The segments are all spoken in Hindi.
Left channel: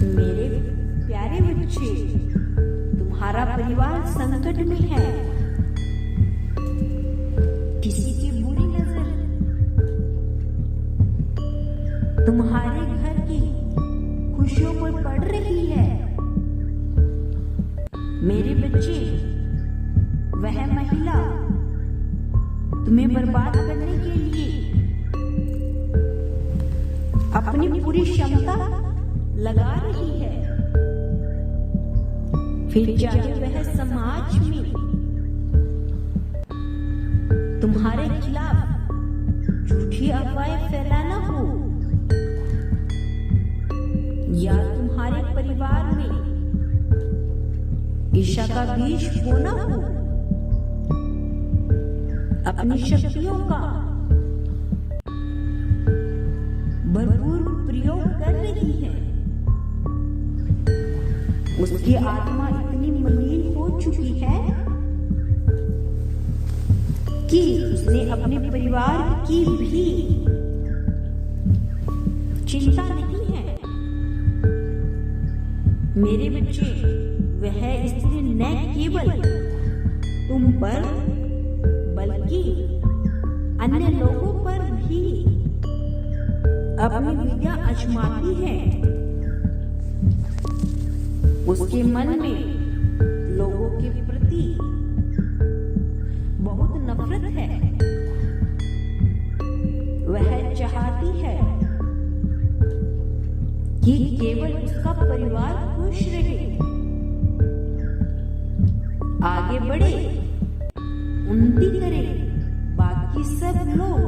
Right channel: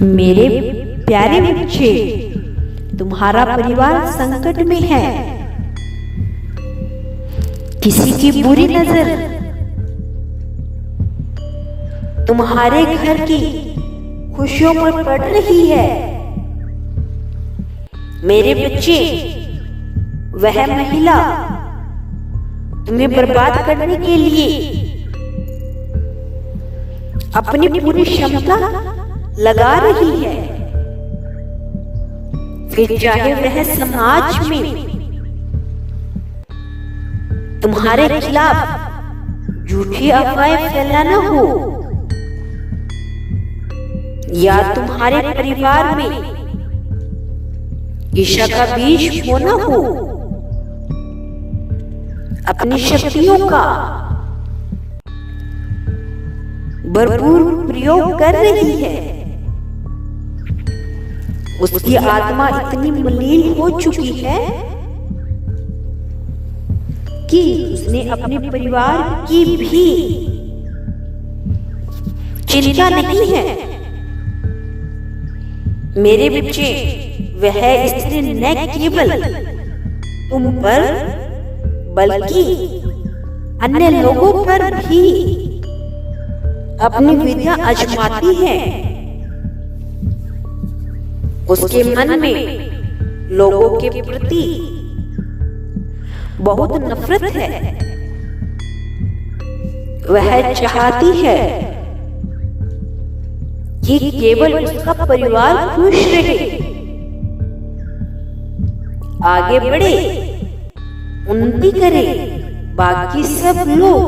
मेरे प्यारे बच्चे, तुम्हारा परिवार संकट में है। किसी की बुरी नजर तुम्हारे घर की खुशियों पर पड़ रही है। मेरे बच्चे, वह महिला तुम्हें बर्बाद करने के लिए अपनी पूरी क्षमता लगा रही है। फिर चाहे वह समाज में तुम्हारे खिलाफ झूठी अफवाहें फैलाना हो, या तुम्हारे परिवार में ईर्ष्या का बीज बोना हो, अपनी शक्तियों का भरपूर प्रयोग कर रही है। उसकी आत्मा इतनी मलिन हो चुकी है कि उसने अपने परिवार की भी चिंता नहीं है। मेरे बच्चे, वह स्त्री न केवल तुम पर बल्कि अन्य लोगों पर भी अपनी विद्या आजमाती है। उसके मन में लोगों के प्रति बहुत नफरत है। वह चाहती है कि केवल उसका परिवार खुश रहे, आगे बढ़े, उन्नति करे, बाकी सब लोग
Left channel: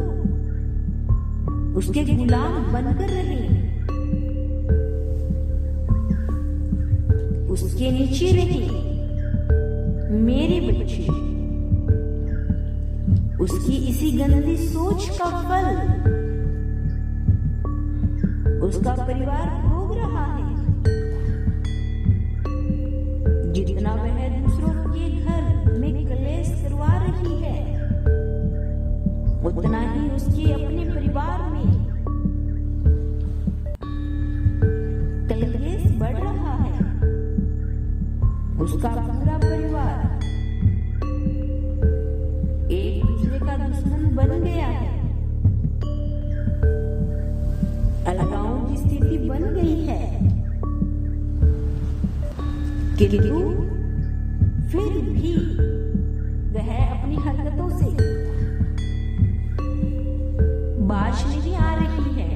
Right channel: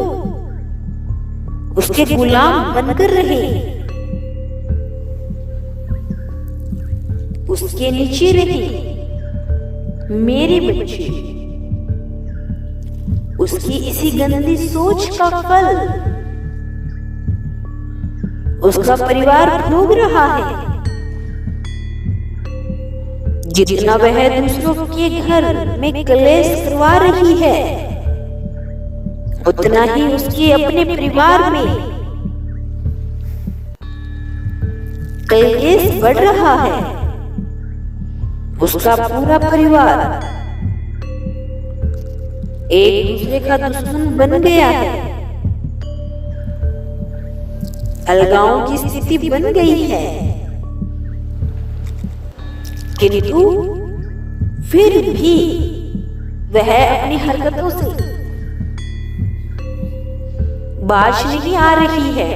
उसके गुलाम बनकर रहे, उसके नीचे रहे। मेरे बच्चे, उसकी इसी गंदी सोच का फल उसका परिवार भोग रहा है। जितना वह दूसरों के घर में कलेश करवा रही है, उतना ही उसके अपने परिवार में कलेश बढ़ रहा है। उसका पूरा परिवार एक दूसरे का दुश्मन बन गया है। अलगाव की स्थिति बन गई है। किंतु फिर भी वह अपनी हरकतों से बाज नहीं आ रही है।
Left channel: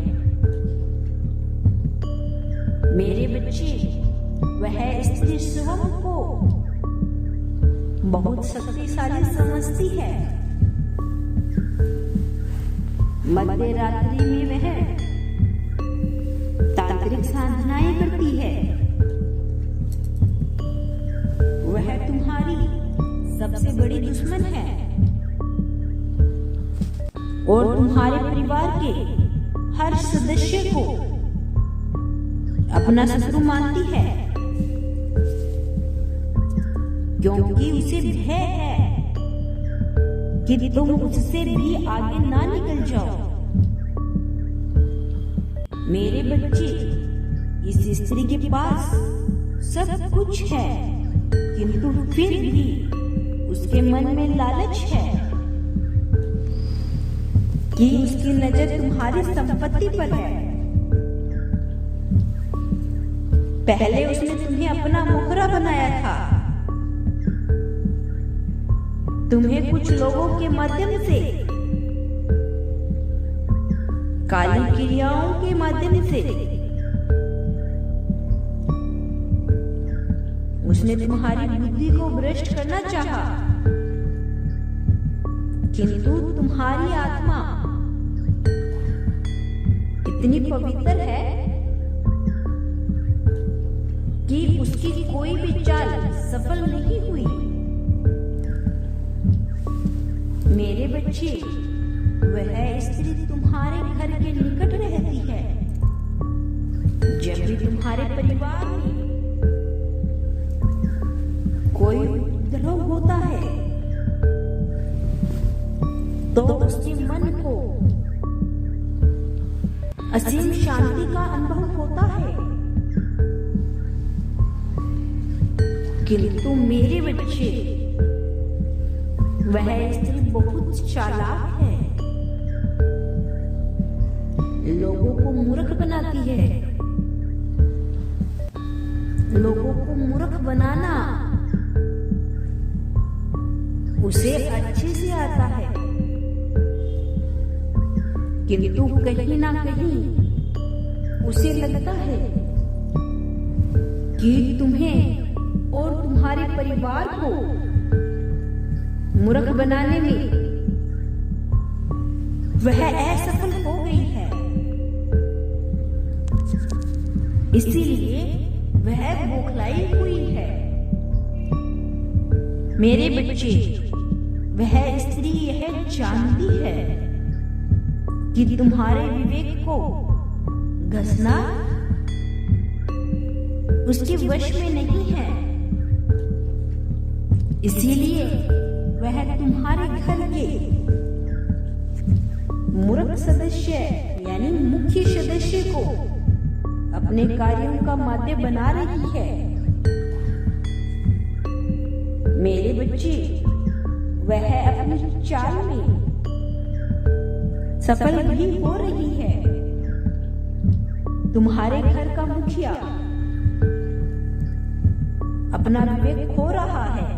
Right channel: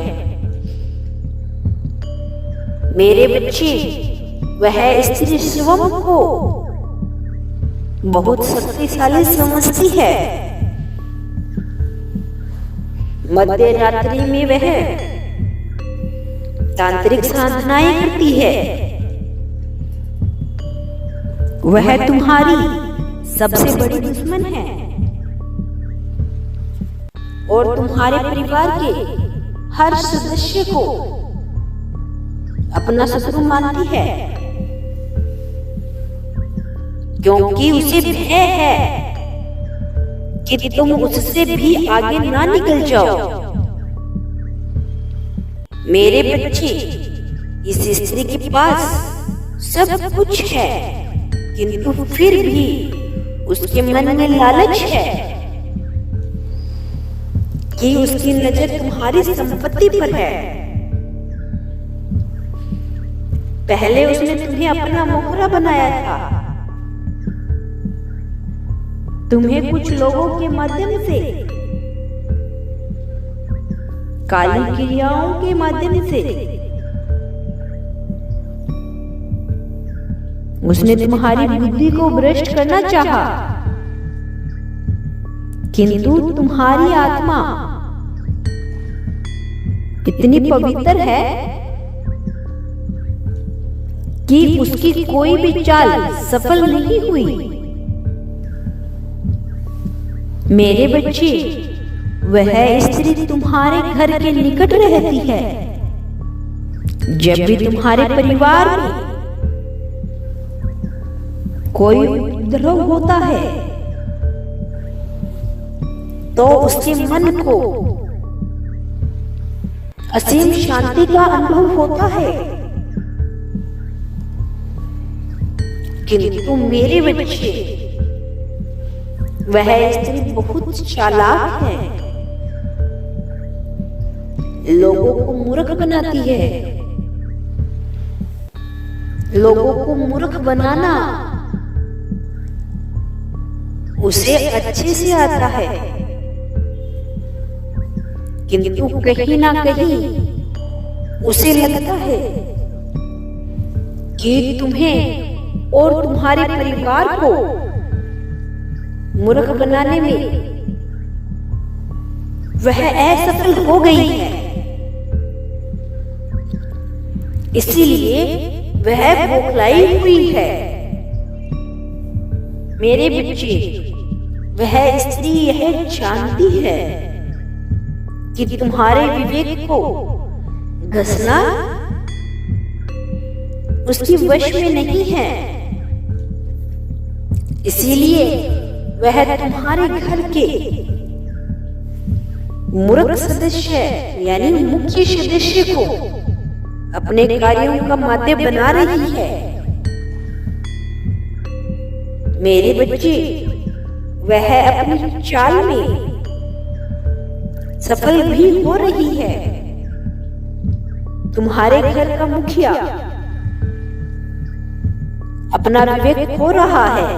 मेरे बच्चे, वह स्त्री स्वयं को बहुत शक्तिशाली समझती है। मध्य रात्रि में वह तांत्रिक साधनाएं करती है। वह तुम्हारी सबसे बड़ी दुश्मन है और तुम्हारे परिवार के हर सदस्य को अपना शत्रु मानती है, क्योंकि उसे भय है कि तुम उससे भी आगे ना निकल जाओ। मेरे बच्चे, इस स्त्री के पास सब कुछ है, किंतु फिर भी उसके मन में लालच है कि उसकी नजर तुम्हारी संपत्ति पर है। पहले उसने तुम्हें अपना मोहरा बनाया था। तुम्हें कुछ लोगों के माध्यम से, काली क्रियाओं के माध्यम से उसने तुम्हारी बुद्धि को भ्रष्ट करना चाहा, किंतु तुम्हारी आत्मा इतनी पवित्र है कि उसकी कोई भी चाल सफल नहीं हुई। मेरे बच्चे, वह स्त्री तुम्हारे घर के निकट रहती है। जब भी तुम्हारे परिवार में कोई उपद्रव होता है, तो उसके मन को असीम शांति का अनुभव होता है। किंतु मेरे बच्चे, वह स्त्री बहुत चालाक है, लोगों को मूर्ख बनाती है। लोगों को मूर्ख बनाना उसे अच्छे से आता है, किंतु कहीं ना कहीं उसे लगता है कि तुम्हें और तुम्हारे परिवार को मूर्ख बनाने में वह असफल हो गई है। इसीलिए वह बौखलाई हुई है। मेरे बच्चे, वह स्त्री यह जानती है कि तुम्हारे विवेक को घसना उसकी वश में नहीं है। इसीलिए वह तुम्हारे घर के मूर्ख सदस्य यानी मुख्य सदस्य को अपने कार्यों का माध्यम बना रही है। मेरे बच्चे, वह अपनी चाल में सफल भी हो रही है। तुम्हारे घर का मुखिया अपना विवेक खो रहा है,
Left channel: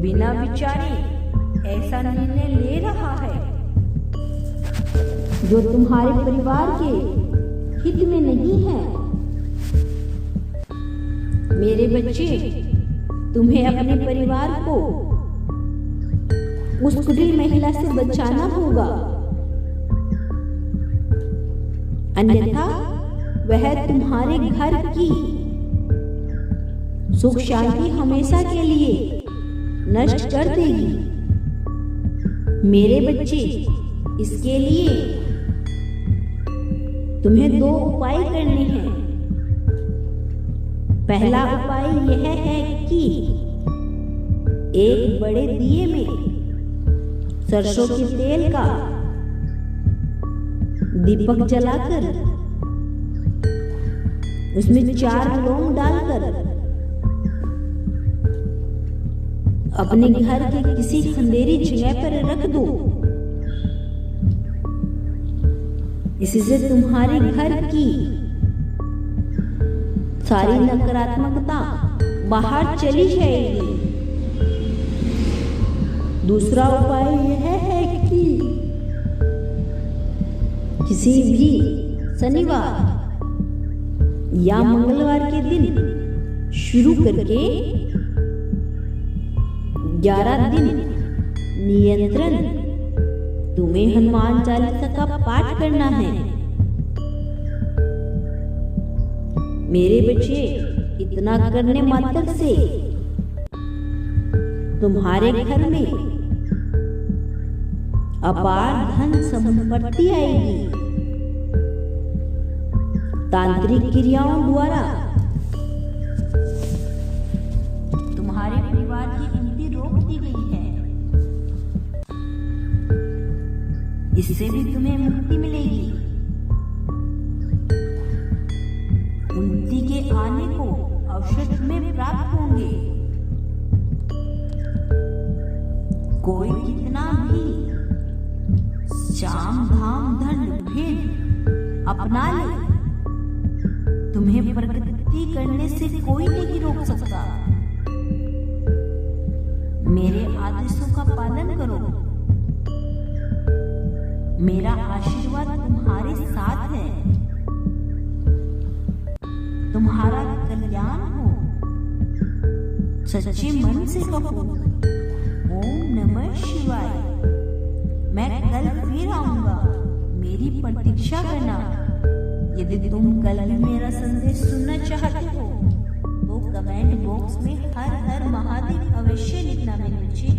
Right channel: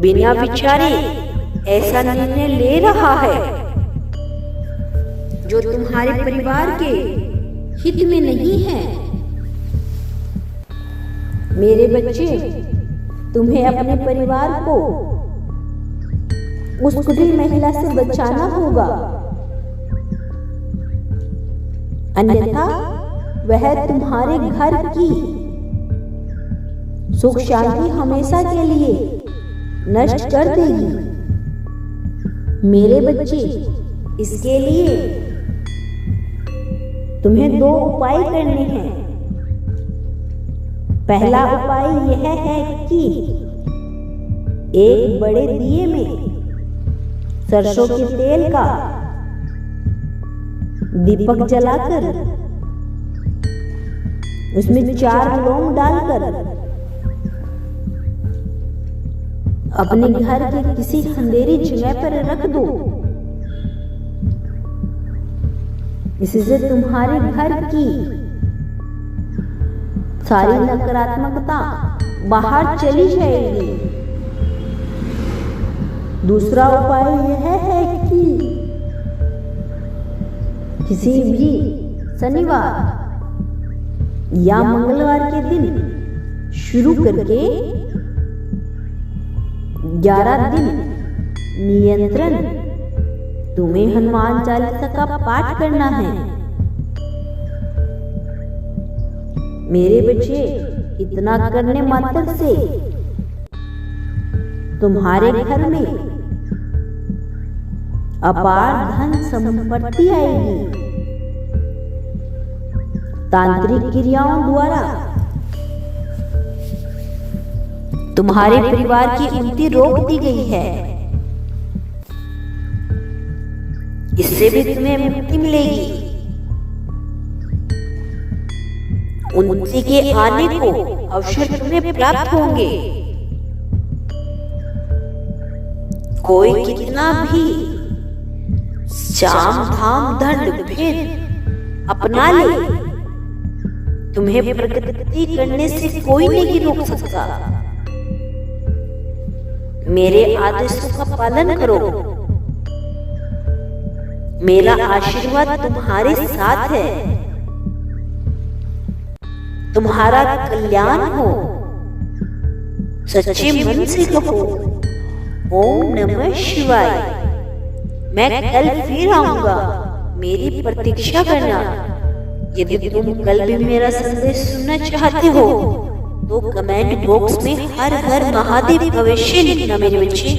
बिना विचारे ऐसा निर्णय ले रहा है जो तुम्हारे परिवार के हित में नहीं है। मेरे बच्चे, तुम्हें अपने परिवार को उस कुटिल महिला से बचाना होगा, अन्यथा वह तुम्हारे घर की सुख शांति हमेशा के लिए नष्ट कर देगी। मेरे बच्चे, इसके लिए तुम्हें 2 उपाय करने हैं। पहला उपाय यह है कि एक बड़े दिए में सरसों के तेल का दीपक जलाकर उसमें 4 लौंग डालकर अपने घर के किसी अंधेरी जगह पर रख दो। इससे तुम्हारे घर की सारी नकारात्मकता बाहर चली जाएगी। दूसरा उपाय यह है कि किसी भी शनिवार या मंगलवार के दिन शुरू करके 11 दिन नियंत्रण तुम्हें हनुमान चालीसा का पाठ करना है। मेरे बच्चे, इतना करने मात्र से तुम्हारे घर में अपार धन संपत्ति आएगी। तांत्रिक क्रियाओं द्वारा तुम्हारे परिवार की उन्नति रोक दी गई है। इससे भी तुम्हें मुक्ति मिलेगी। उन्नति के आने को अवसर तुम्हें प्राप्त होंगे। कोई कितना भी साम धाम दंड भेद अपना ले, तुम्हें प्रगति करने से कोई नहीं रोक सकता। मेरे आदेशों का पालन करो। मेरा आशीर्वाद तुम्हारे साथ है। तुम्हारा कल्याण हो। सच्चे मन से कहो ओम नमः शिवाय। मैं कल फिर आऊंगा, मेरी प्रतीक्षा करना। यदि तुम कल भी मेरा संदेश सुनना चाहते हो तो कमेंट बॉक्स में हर हर महादेव अवश्य लिखना मेरे बच्चे।